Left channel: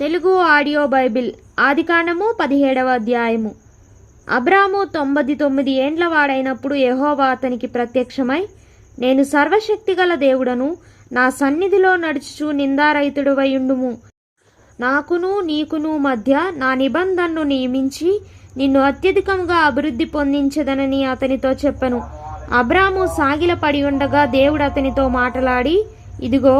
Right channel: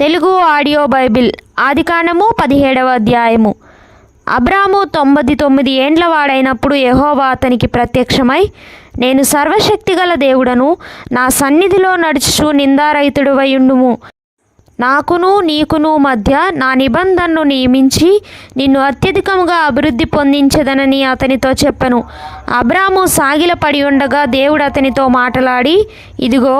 Telugu audio Bible ఆదికాండము 17వ అధ్యాయము. అబ్రాము 99 ఏండ్ల వాడైనప్పుడు యెహోవా అతనికి ప్రత్యక్షమై, నేను సర్వశక్తిగల దేవుడను, నా సన్నిధిలో నడుచుచు నిందారహితుడివై ఉండుము. నాకును నీకును మధ్య నా నిబంధనను నియమించి నిన్ను అత్యధికముగా అభివృద్ధి పొందించదనని అతనితో చెప్పెను. అబ్రాము సాగిలపడి ఉండగా దేవుడు అతనితో మాటలాడి, ఇదిగో,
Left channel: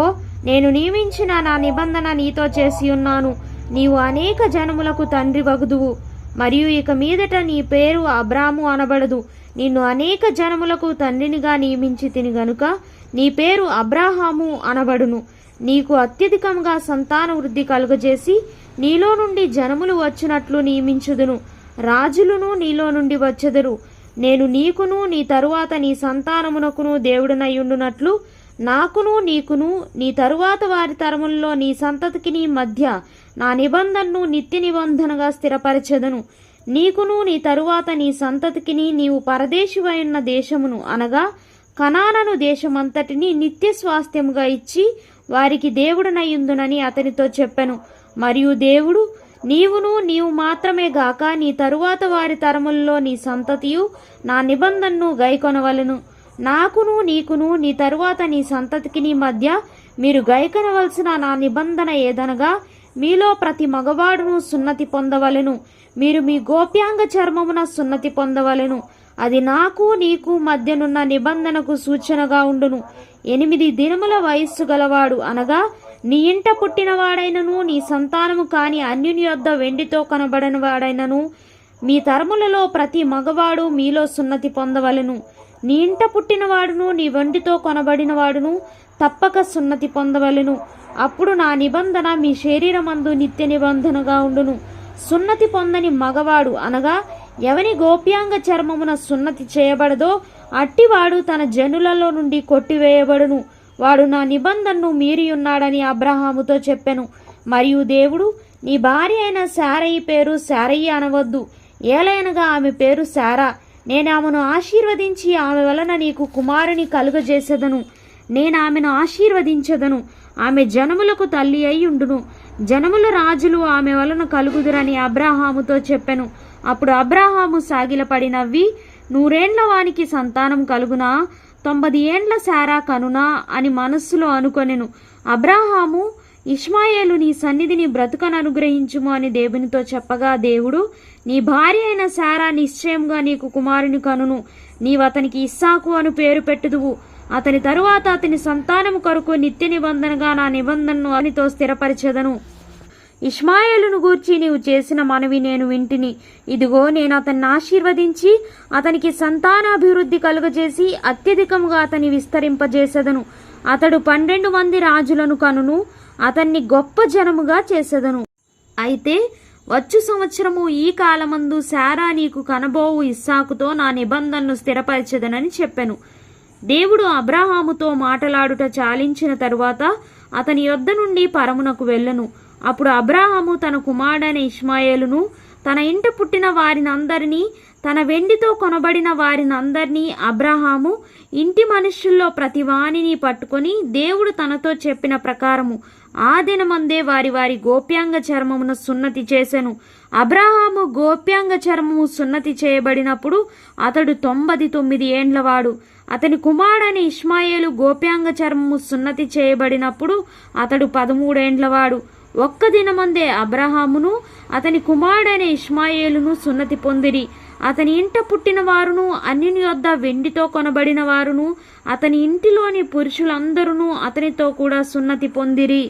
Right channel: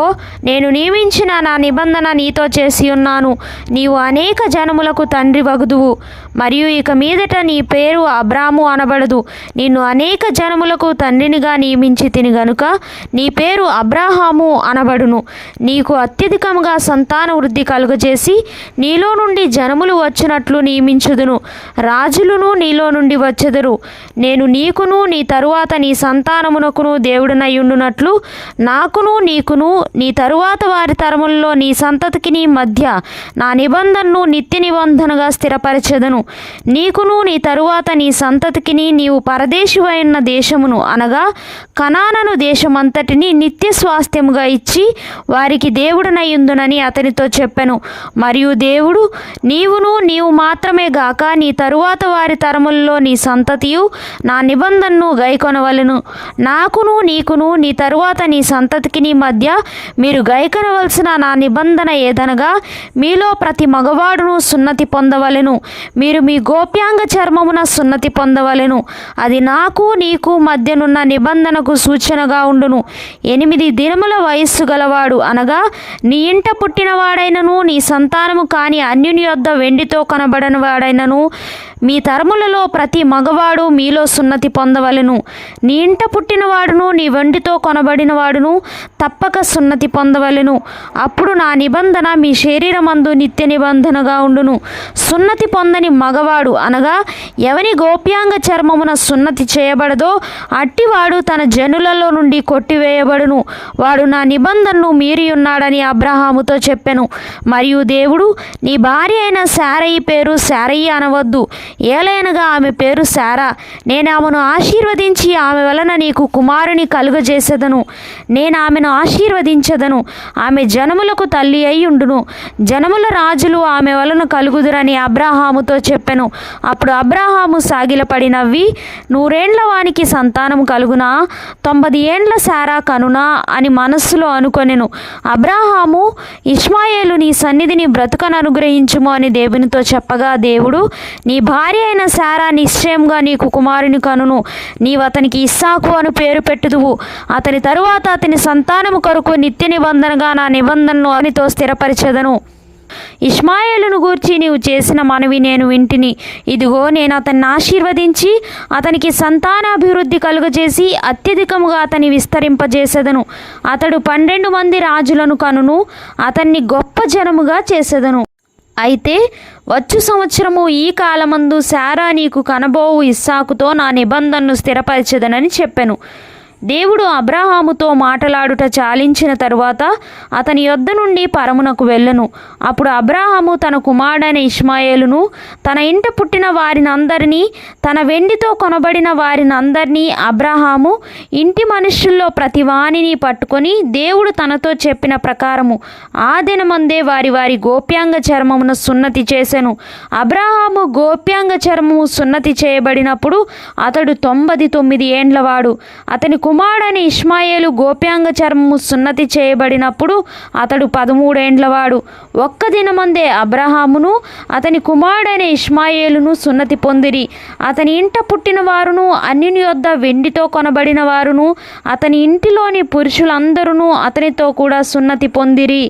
నేను నియమించిన నా నిబంధన నీతో చేసి ఉన్నాను. నీవు అనేక జనములకు తండ్రి వగుదువు, మరియు ఇక మీదట నీ పేరు అబ్రాము అనబడదు. నిన్ను అనేక జనములకు తండ్రినిగా నియమించి తిని గనుక నీ పేరు అబ్రాహాము అనబడును. నీకు అత్యధికముగా సంతాన వృద్ధి కలుగజేసి నీలో నుండి జనములు వచ్చినట్లు నియమించుదును. రాజులను నీలో నుండి వచ్చెదరు. నేను నీకును నీ తరువాత నీ సంతానమునకును దేవుడనై ఉండునట్లు నాకును నీకును నీ తరువాత వారి తరములలో నీ సంతతికి నీ మధ్య నా నిబంధనను నిత్య నిబంధనగా స్థిరపరచెదను. నీకును నీ తరువాత నీ సంతతికిని నీవు పరదేశివైన దేశమును అనగా కనానను దేశమంతటిని నిత్య స్వాస్థ్యముగా ఇచ్చి వారికి దేవుడనయ్యుందునని అతనితో చెప్పెను. మరియు దేవుడు, నీవు మాత్రమే గాక నీ తరువాత వారి తరములలో నీ సంతతియు నా నిబంధనను గైకొనవలెను. నాకును నీకును నీ తరువాత నీ సంతతికి నీ మధ్య మీరు గైకొనవలసిన నా నిబంధన ఏదనగా, మీలో ప్రతి మగవాడును సున్నతి పొందవలెను. మీరు మీ గోప్యాంగ చర్మమున సున్నతి పొందవలెను. అది నాకు నీకు మధ్యనున్న నిబంధనకు సూచనగా ఉండును. 8 దినముల వయస్సు గలవాడు అనగా నీ ఇంట పుట్టినవాడైనను నీ సంతానము కాని అన్యుని యొద్ద వెండితో కొనబడిన వాడైనను మీ తరములలో ప్రతి మగవాడు మీలో సున్నతి పొందవలెను. నీ ఇంట పుట్టినవాడును నీ వెండితో కొనబడినవాడును తప్పక సున్నతి పొందవలెను. అప్పుడు నా నిబంధన మీ శరీరమందు నిత్య నిబంధనగా ఉండును. సున్నతి పొందని మగవాడు అనగా ఎవని గోప్యాంగ చర్మమున సున్నతి చేయబడదో అట్టివాడు తన జనులలో నుండి కొట్టివేయబడును. వాడు నా నిబంధనను మీరి ఉన్నాడని అబ్రహాముతో చెప్పెను. మరియు దేవుడు, నీ భార్య అయిన శారయి పేరు శారయి అనవద్దు, ఏలైనగా ఆమె పేరు శారా. నేను ఆమెను ఆశీర్వదించి ఆమె వలన నీకు కుమారుని కలుగజేసేదను. నేను ఆమెను ఆశీర్వదించదను. ఆమె జనములకు తల్లి అయి ఉండును. జనముల రాజులు ఆమె వలన కలుగుదురని అబ్రహాముతో చెప్పెను. అప్పుడు అబ్రహాము సాగిలపడి నవ్వి, 100 ఏండ్ల వానికి సంతానం కలుగునా? 90 ఏండ్ల శారా కనునా అని మనస్సులో అనుకొనెను. అబ్రహాము, ఇష్మాయేలు నీ సన్నిధిని బ్రతుకను అనుగ్రహించుము అని దేవునితో చెప్పగా, దేవుడు, నీ భార్య అయిన శారా నిశ్చయంగా నీకు కుమారుని కనును. నీవు అతనికి ఇస్సాకు అను పేరు పెట్టుదువు. అతని తరువాత అతని సంతానము కొరకు నిత్య నిబంధనగా నా నిబంధనను అతనితో స్థిరపరిచెదను. ఇష్మాయేలును గూర్చి నీవు చేసిన మనవి నేను వింటిని. ఇదిగో, నేను అతన్ని ఆశీర్వదించి అతనికి సంతానాభివృద్ధి కలుగజేసి అత్యధికముగా అతని విస్తరింపజేసేదను. అతడు 12 మంది రాజులను కనును. అతన్ని గొప్ప జనముగా చేసేదను. అయితే వచ్చు సంవత్సరము ఈ కాలమందు శారా నీకు కనబోవు ఇస్సాకుతో నా నిబంధనను స్థిరపరచెదనని చెప్పెను. దేవుడు అబ్రహాముతో మాటలాడుట చాలించిన తరువాత అతని యొద్ద నుండి పరమునకు వెళ్ళెను. అప్పుడు అబ్రహాము తన కుమారుడైన ఇష్మాయేలును, తన ఇంట పుట్టిన వారినందరినీ, తన వెండితో కొనబడిన వారినందరినీ అబ్రహాము ఇంటి మనుష్యుల్లో ప్రతి వానిని పట్టుకొని దేవుడు తనతో చెప్పిన ప్రకారము ఆ దినమందే వారి వారి గోప్యాంగ చర్మమున సున్నతి చేసెను. అబ్రహాము గోప్యాంగ చర్మము సున్నతి చేయబడినప్పుడు అతడు 99 ఏండ్లవాడు. అతని కుమారుడైన ఇష్మాయేలు గోప్యాంగ చర్మము సున్నతి చేయబడినప్పుడు అతడు 13 ఏండ్లవాడు. ఒక్క దినమందే అబ్రహామును అతని కుమారుడైన ఇష్మాయేలును సున్నతి పొందిరి. అతని ఇంట పుట్టిన వారును అన్యుని యొద్ద వెండితో కొనబడిన వారును అతని ఇంటిలోని పురుషులందరూ అతనితో కూడా సున్నతి పొందిరి.